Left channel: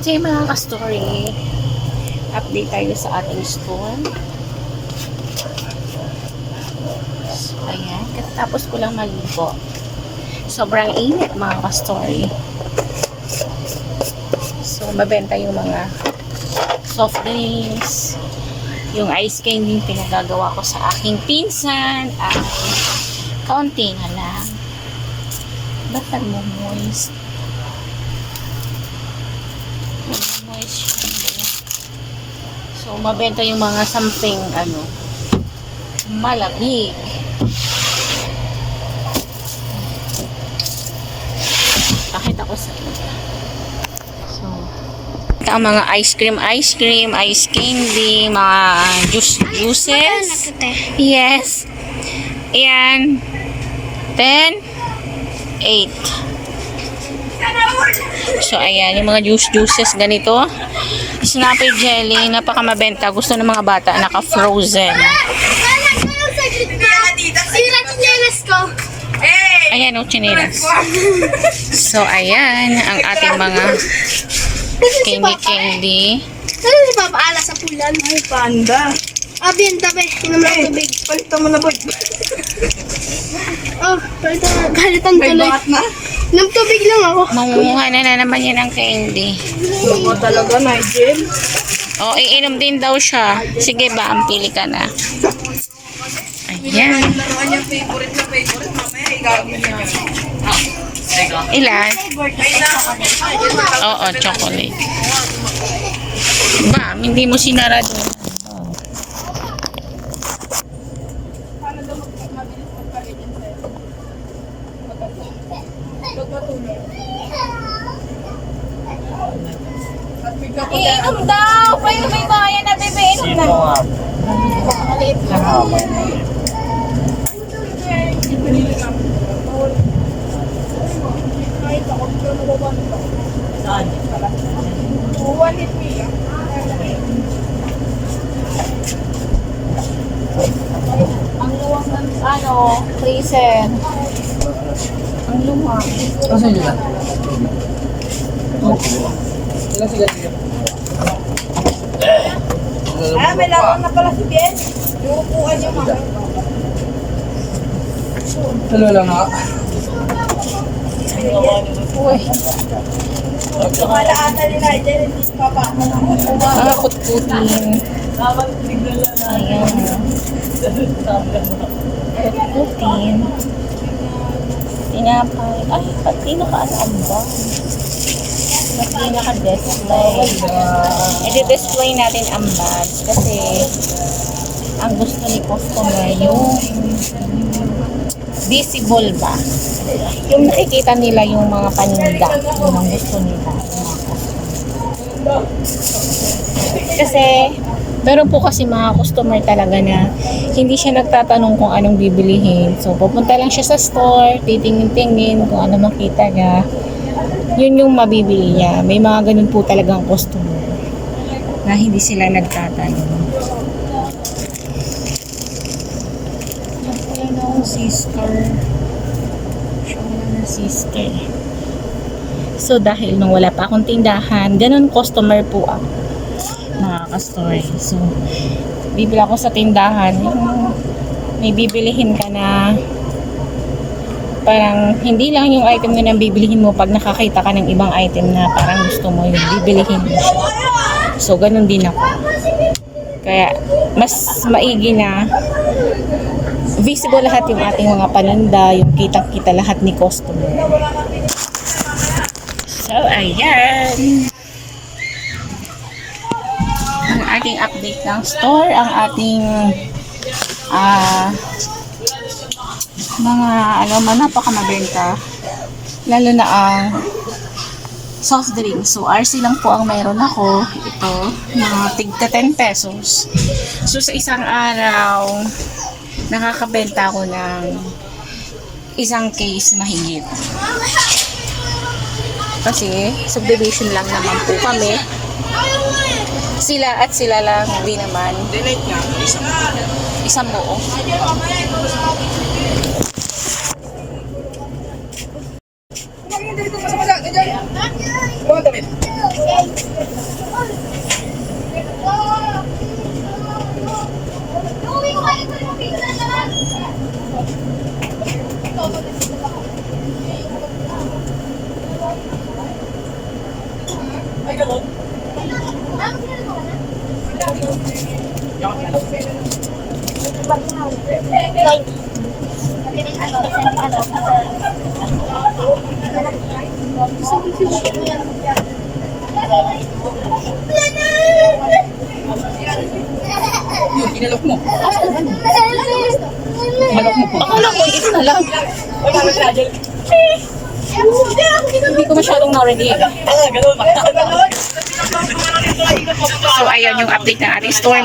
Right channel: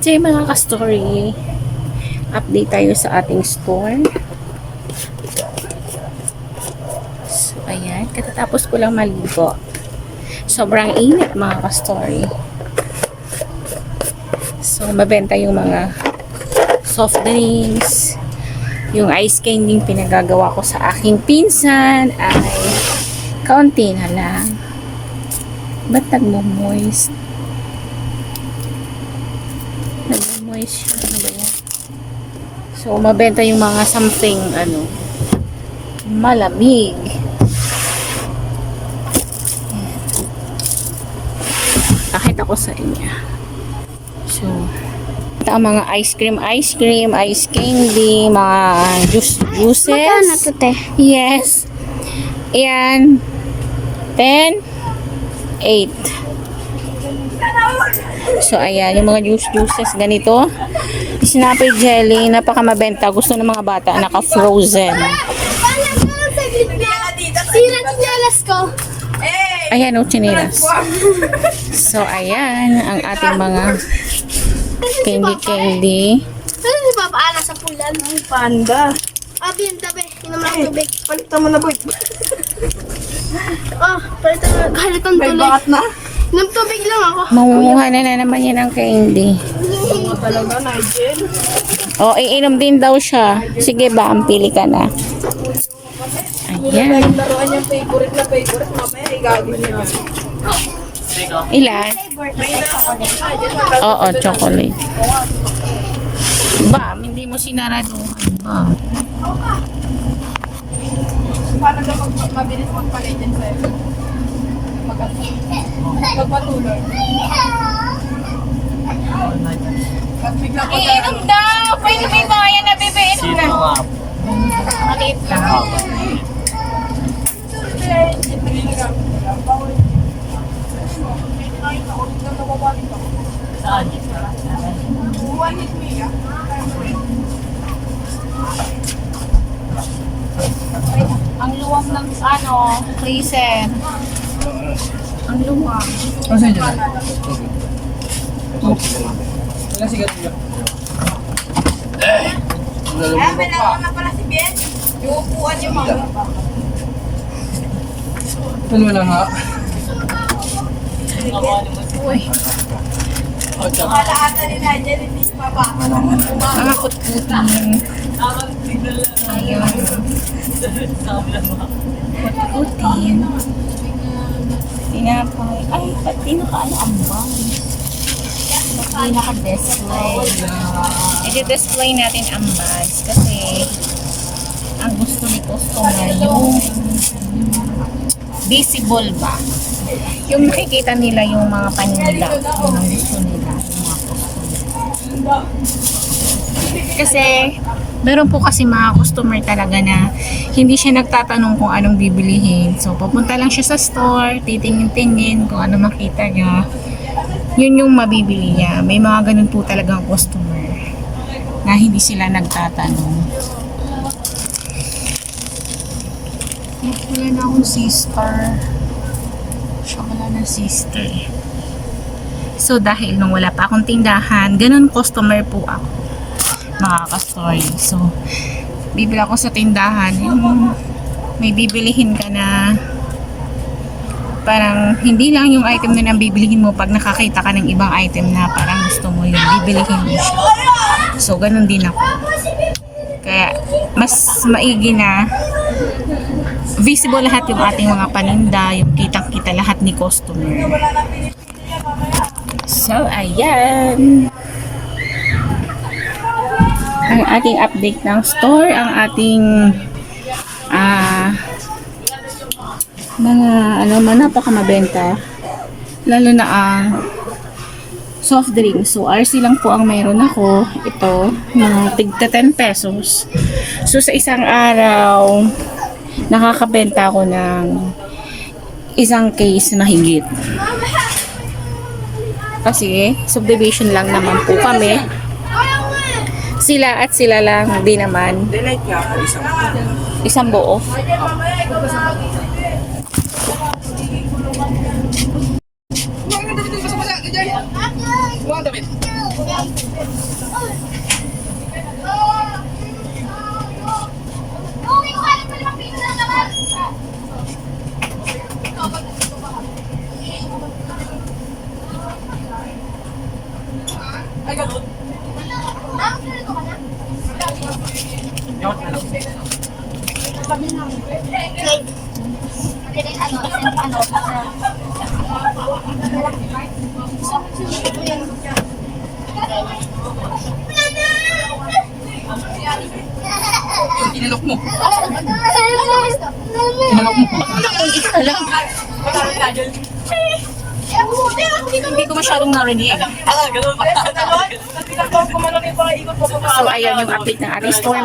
So yung mga ka-story, update tayo sa ating store. So, ayan. Katatapos ko lang maligo. Sobrang init mga ka-story. So, mabenta yung mga soft drinks. Yung ice candy pinagagawa ko sa aking pinsan ay kaunti na lang. Ba't nagmo-moist? Nagmo-moist siya. So, mabenta yung mga something, malamig. Pakita ko sa inyo. So, ito ang mga ice cream, ice candy, mga juices. Magkano ito, te? Yes. Ayan. 10, 8. So, ayan. Yung mga juices ganito. Snappy jelly. Napakamabenta. Gusto ng mga bata. Naka-frozen. Sira chinelas ko. Ayan o, chinelas. So, ayan. Ang ating mga candy. Ano si Papa Ala sa pulan? Ay, panda. Abi, ang tabi. Inom ng tubig. Palitan mo na, boy. Oh, palitan May tuloy. bakat na. Inom tubig lang ako. Mamumuha na naman yan ng candy. Oo, talaga, Nigel. O, iinom din daw siya. Sige ba, pili ka na. Ayan. Laruan niyang favorite na favorite. Mamaya, igagawin niya. Ilan? Oo, chocolate. Ba, hindi mo sinarado. Ba. Paano daw mabilis magpalitin sa'yo? Magpatuloy. At bigla ko Iinom daw! Pwede may bayan na, bebe. Inom na. Maliit lang. Saan? Uwanit niya. Ang luwang ng freezer. Ang luwang. Kasi yun na. Wala siya. May lawang na pala si Ben. Yung upuan niya mga. Dalawa lang ha. Uy. Kalaatan ni Nigel, hindi pa ba? Mga kutkutin. Ayan. Kutkutin. Tinapay. Ay, pati naka-ambang. Pati naka-display. I-display natin ang bags kasi ang gusto ni customer yung visible ba? Yung nakikita nila yung mga paninda. Yun ang gusto nila. Yung mga customer. Kasi meron po kasi mga customer talaga na hindi siya nagtatanong kung anong bibilihin. So, pupunta lang siya sa store, titingin-tingin kung ano makita niya. Yun yung mabibili niya. May mga ganun po talagang customer na hindi sila nagtatanong. Wala na akong sister. Siya wala na sister. So, dahil nung wala pa akong tindahan, ganun customer po ako. Mga ka-story. So, bibili ako sa tindahan. Yung may bibilihin ka na parang hindi lang yung item na bibilihin mo pag nakakita ka ng ibang item na parang gusto mo yung bibilihin mo siya. So, ganun din ako. Kaya, mas maigi na visible lahat yung ating mga paninda, yung kitang-kita lahat ni customer. So, ayan. Ang ating update ng store, ang ating mga napakamabenta. Lalo na ang soft drinks. So, RC lang po ang mayroon ako. Ito, mga tigta 10 pesos. So, sa isang araw, nakakabenta ako ng isang case mahigit. Kasi, subdivision lang naman po kami. Sila at sila lang din naman. Dinate nga ako isang. Isang buo. Huwag mo damit. Yung kinalok mo. Kinalok mo. Akala ko, ito na lang. Hindi ko masyadong narinig. So, ayun yung update ng ating store.